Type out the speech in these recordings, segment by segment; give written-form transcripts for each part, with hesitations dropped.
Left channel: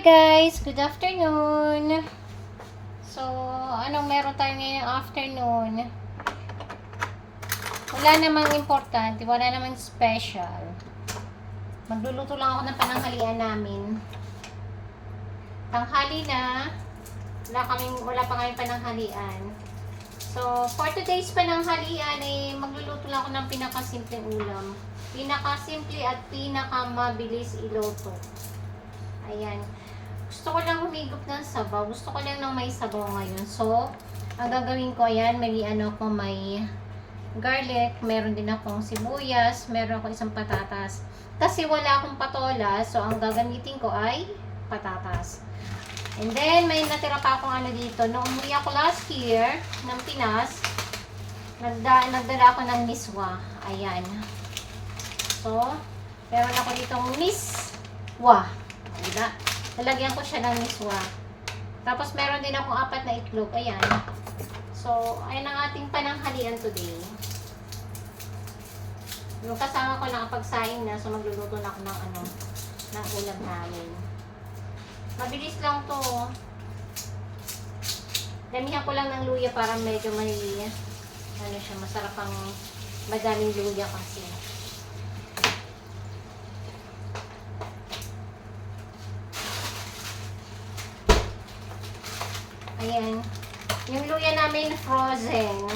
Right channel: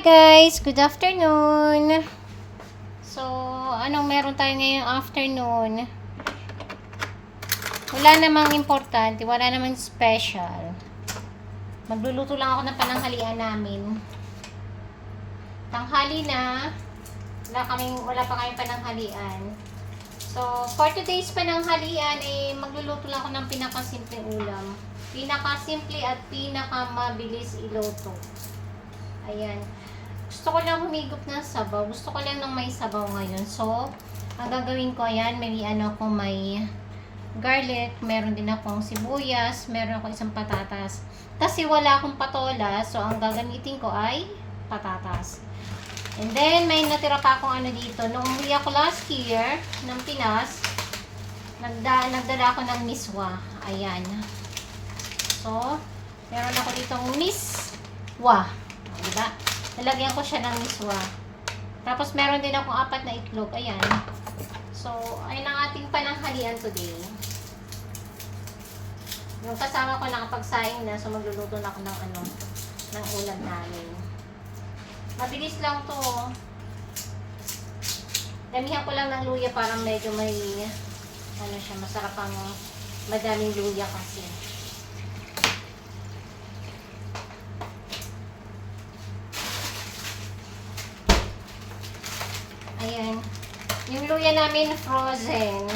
Hi guys! Good afternoon! So, anong meron tayo ngayong afternoon? Wala namang importante, wala namang special. Magluluto lang ako ng pananghalian namin. Tanghali na. Wala pa kayong pananghalian. So, for today's pananghalian ay magluluto lang ako ng pinakasimpleng ulam. Pinakasimple at pinakamabilis iluto. Ayan. Gusto ko lang humigop ng sabaw. Gusto ko lang ng may sabaw ngayon. So, ang gagawin ko, ayan, may garlic, meron din akong sibuyas, meron akong isang patatas. Kasi wala akong patola, so ang gagamitin ko ay patatas. And then, may natira pa akong ano dito. Nung umuwi ako last year ng Pinas, nagdala ako ng miswa. Ayan. So, meron ako ditong miswa. Diba? Nalagyan ko siya ng miswa. Tapos meron din akong 4 na itlog. Ayan. So, ayun ang ating pananghalian today. Yung kasama ko lang pagsaing na, so magluluto na ako ng ulam namin. Mabilis lang to. Damihan ko lang ng luya para medyo may masarap ang madaming luya kasi. Ayan. Yung luya namin frozen.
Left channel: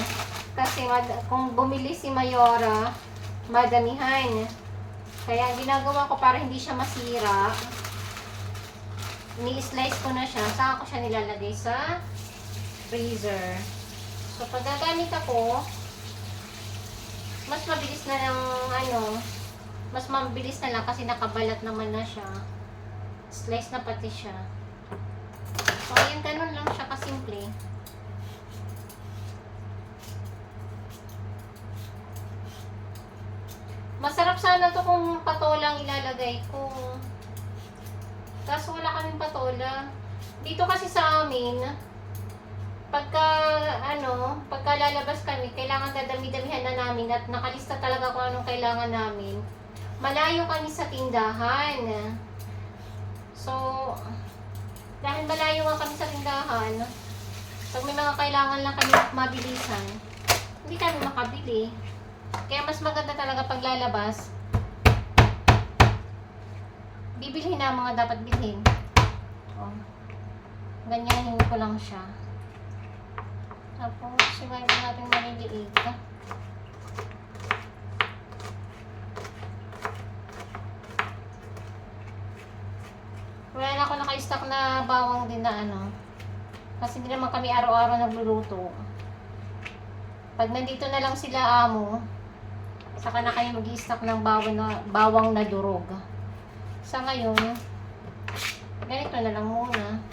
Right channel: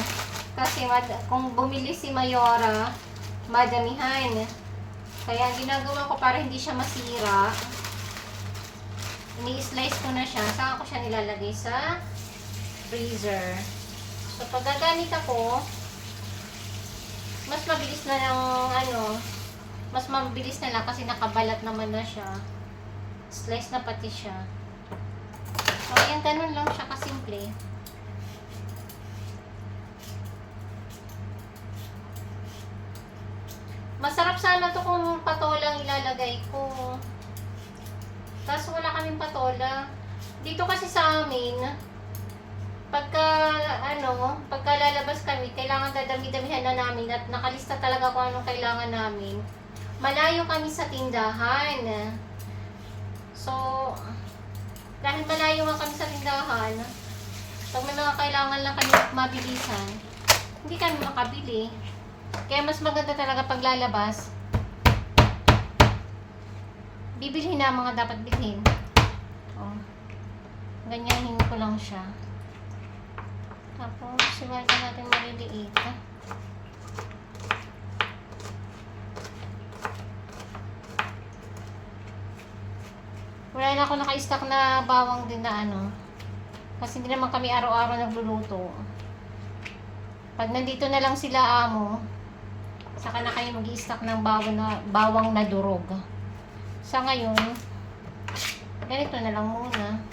Kasi kung bumili si Mayora, madamihan. Kaya ginagawa ko para hindi siya masira. Ini-slice ko na siya. Saka ko siya nilalagay sa freezer. So, pag gagamit ako, mas mabilis na lang, mas mabilis na lang kasi nakabalat naman na siya. Slice na pati siya. So, ayan, ganun lang siya kasimple. Masarap sana to kung patolang ilalagay ko. Tapos wala kaming patola. Dito kasi sa amin, pagka lalabas kami, kailangan dadami-damihan na namin at nakalista talaga kung anong kailangan namin. Malayo kami sa tindahan. So, dahil malayo nga kami sa tindahan, pag may mga kailangan lang kami mabilisan, hindi kami makabili. Kaya mas maganda talaga pag lalabas, bibilhin na mga dapat bilhin. Oh. Ganyahin ko lang siya. Tapos, sigarin natin maliliit. Wala na ako naka-stock na bawang din na kasi hindi naman kami araw-araw nagluluto. Pag nandito na lang sila amo, saka na kayo mag-i-stock ng bawang na durog. Sa ngayon, ganito na lang muna.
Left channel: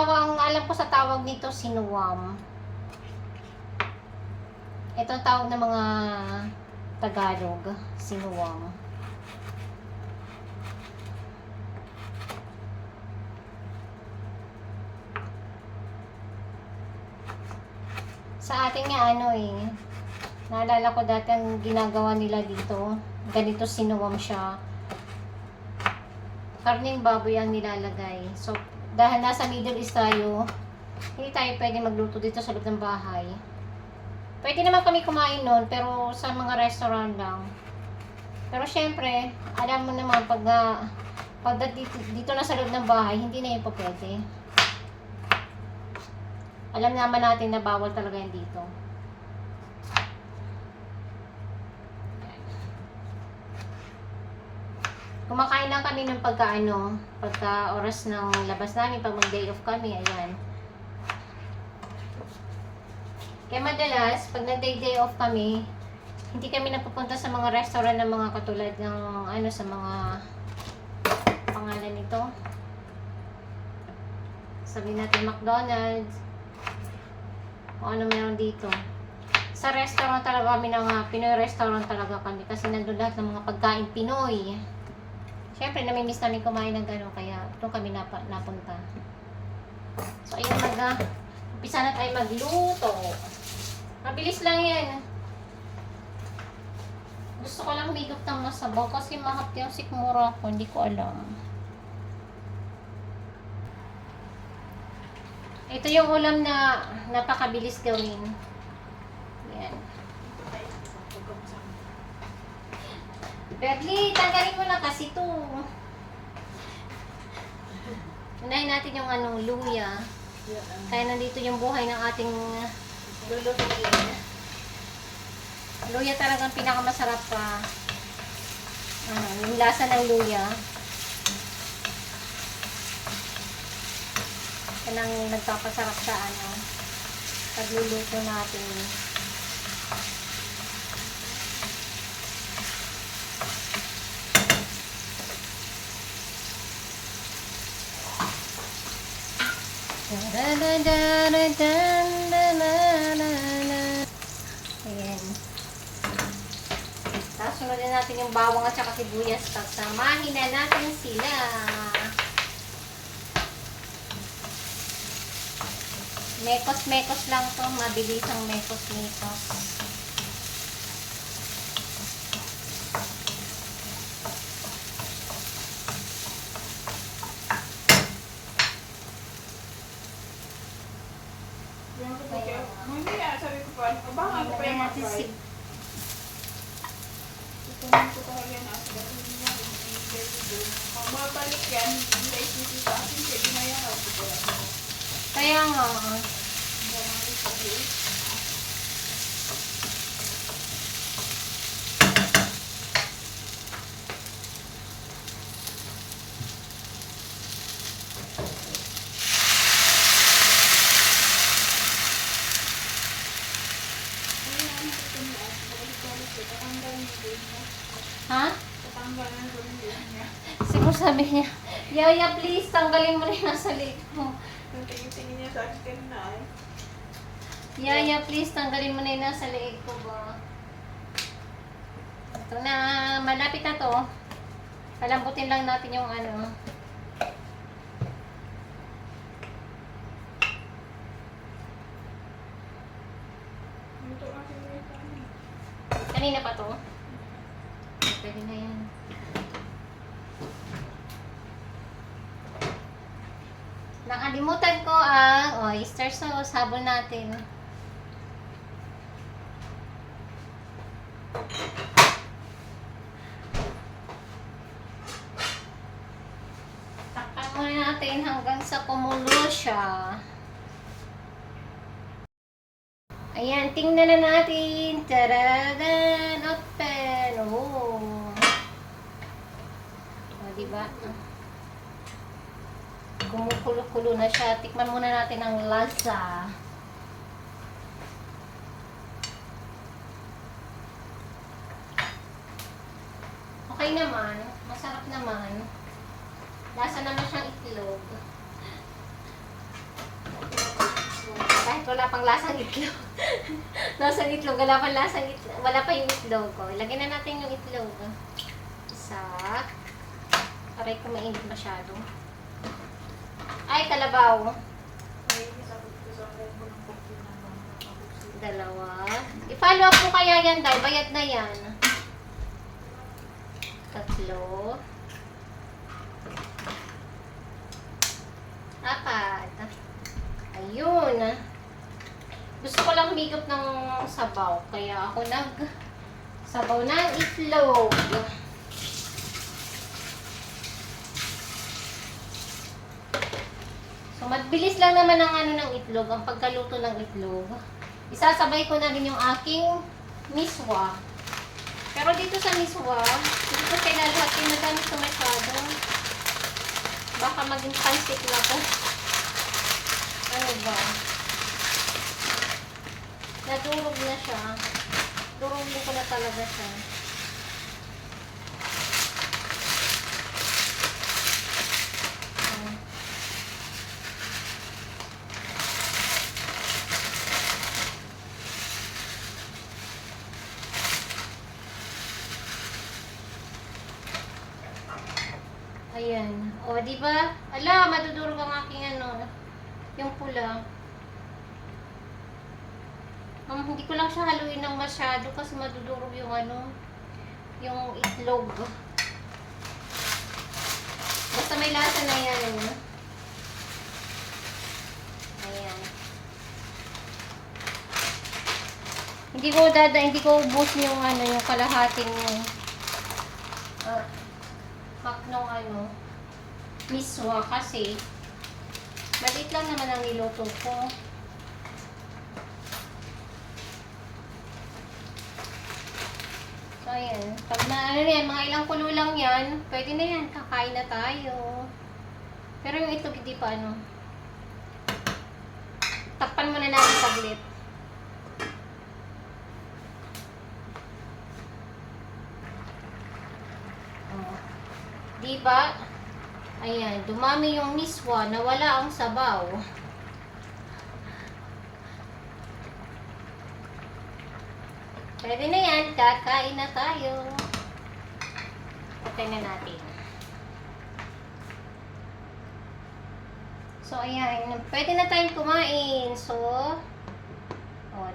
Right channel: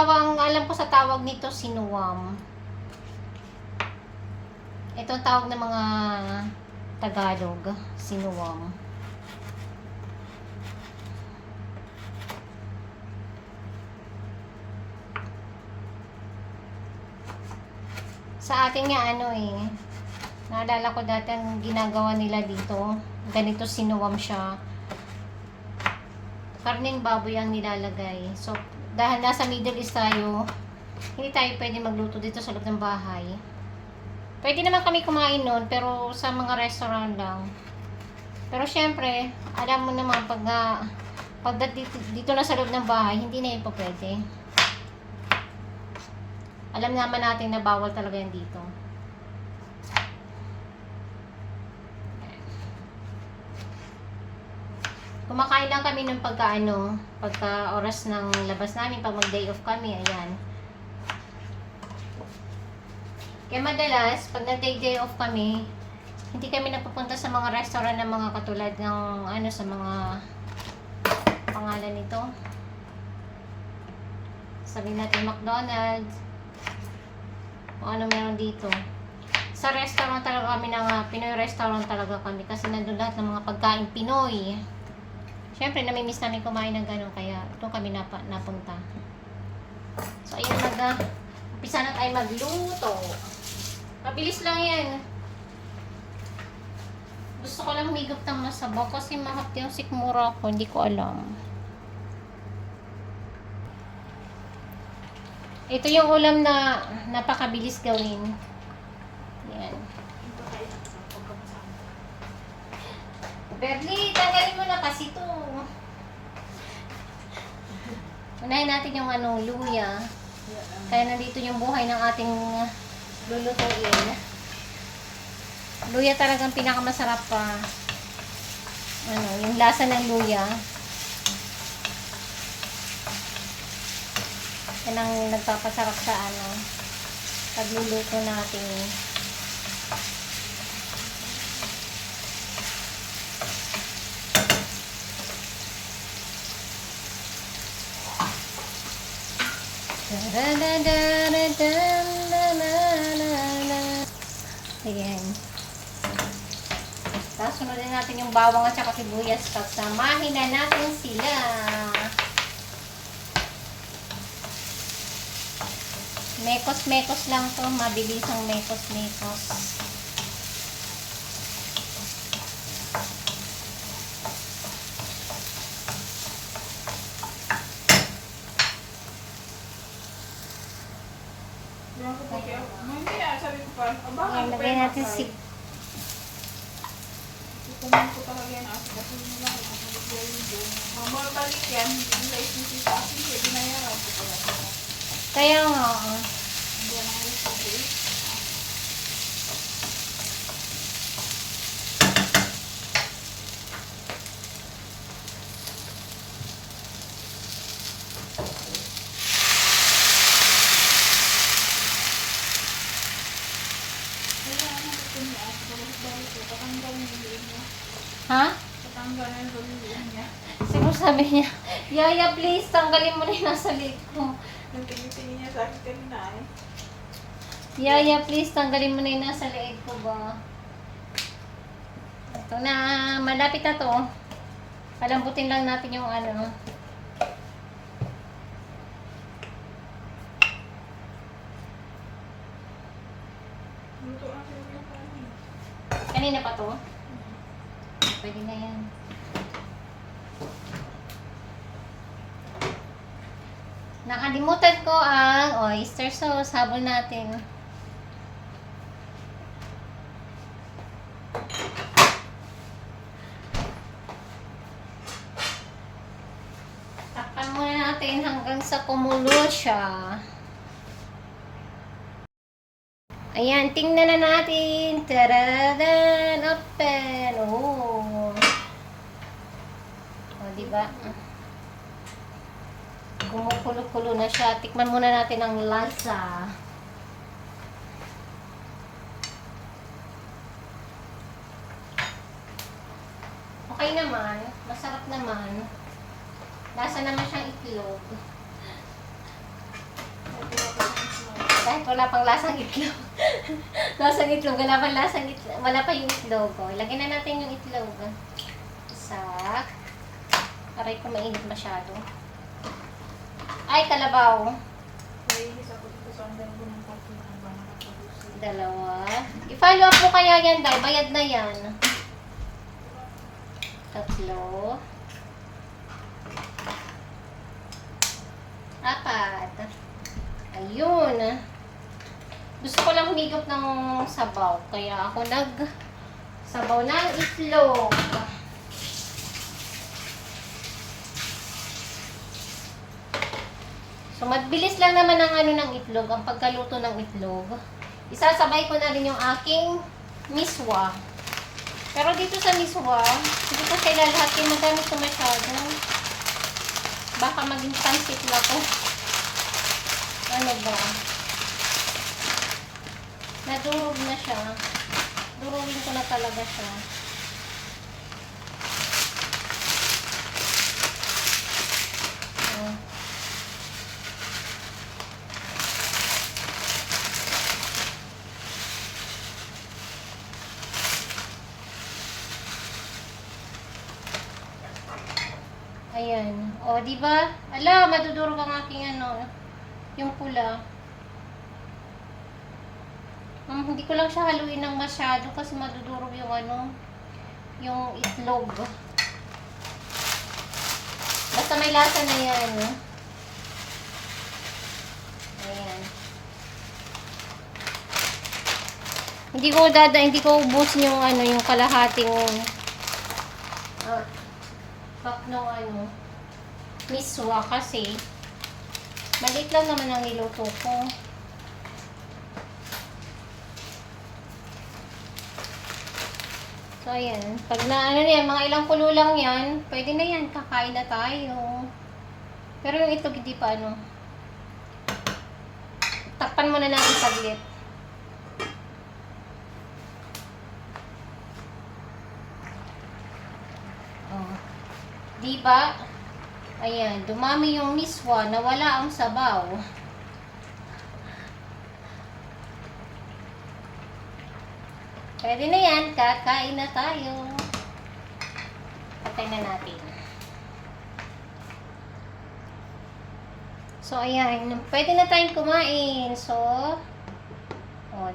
Ang alam ko sa tawag nito, sinuwam. Ito ang tawag ng mga Tagalog, sinuwam. Sa atin nga naalala ko dati ang ginagawa nila dito, ganito sinuwam siya. Karning baboy ang nilalagay. So, dahil nasa Middle East tayo, hindi tayo pwede magluto dito sa loob ng bahay. Pwede naman kami kumain nun, pero sa mga restaurant lang. Pero syempre, alam mo naman, pag dito na sa loob ng bahay, hindi na yun pa pwede. Alam naman natin na bawal talaga yan dito. Kumakain lang kami ng pagka oras ng labas namin, pag mag-day off kami, ayan. Kaya madalas, pag nag-day off kami, hindi kami napupunta sa mga restaurant ng mga katulad ng, sa mga pangalan nito. Sabihin natin McDonald's, o ano meron dito. Sa restaurant talaga kami ng Pinoy restaurant talaga kami kasi nandun lahat ng mga pagkain Pinoy. Siyempre, namimiss namin kumain ng gano'n kaya doon kami napunta. So, ayun umpisa na tayo magluto. Mabilis lang yan. Gusto ko lang humigop ng masabaw kasi mahap yung sikmura ko. Hindi ko alam. Ito yung ulam na napakabilis gawin. Yan. Berly, tanggalin mo na kasi ito. Unahin natin yung luya. Kaya nandito yung buhay ng ating lulutuin. Luya talagang pinakamasarap pa. Yung lasa ng luya. Yan ang nagpapasarap sa pagluluto natin. Ayan. Tapos sunodin natin yung bawang at saka sibuyas. Tapos samahin na natin sila. Mekos-mekos lang to. Mabilis ang mekos-mekos. Lagyan natin kaya nga. Ha? Siguro sabi niya, Yaya, please, tanggalin mo rin nasa leg mo. Nagtingin niya sa akin na eh. Yaya, please, tanggalin mo na yung nasa leeg ko ba? Ito na, malapit na to. Palambutin lang natin yung Luto kasi yung kanin. Kanina pa to? Pwede na yan. Nakalimutan ko ang oyster sauce. Habol natin. Takpan muna natin hanggang sa kumulo siya. Ayan, tingnan na natin. Taradan! Open! Oh! O, diba? Kumukulo-kulo na siya. Tikman muna natin ang lasa. Okay naman. Masarap naman. Lasa naman siyang itlog. Kahit wala pang lasang itlog. Lasang itlog. Wala pang lasang itlog. Wala pa yung itlog. Lagyan na natin yung itlog. Isa. Aray ko mainit masyado. Ay, kalabaw. Dalawa. I-follow up mo kaya yan, dahil bayad na yan. Tatlo. Apat. Ayun. Gusto ko lang humigop ng sabaw. Kaya ako sabaw ng itlog. So, mabilis lang naman ang ng itlog, ang pagkaluto ng itlog. Isasabay ko na rin yung aking miswa. Pero dito sa miswa, hindi ko siya lalahatin na ganito masyado. Baka maging pansit na to. Ano ba? Nadurog na siya. Durugin ko na talaga siya. Ayan. O, di ba? Ala, madudurog ang aking ano, yung pula. Hindi ko lang siya haluin ng masyado kasi madudurog yung ano, yung itlog. Basta may lasa na yan. Ayan. Hindi ko ubusin yung ano, yung kalahating pack nung ano, miswa kasi maliit lang naman ang niluto ko. So, ayan. Pag na, ano na yan, mga ilang kulo lang yan, pwede na yan. Kakain na tayo. Pero yung itlog, hindi pa ano. Takpan muna natin saglit. Diba? Ayan, dumami yung miswa, nawala ang sabaw. Pwede na yan, kakain na tayo. Patay na natin. So, ayan, pwede na tayong kumain. So,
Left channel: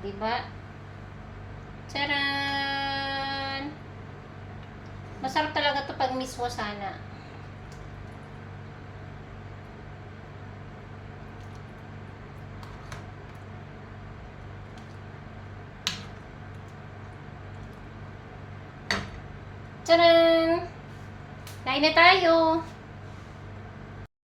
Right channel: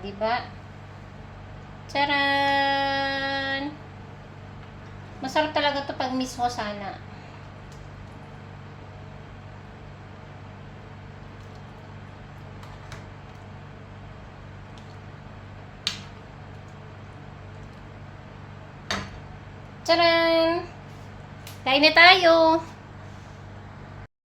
diba? Charan! Masarap talaga to pag miswa sana. Charan! Kain na tayo!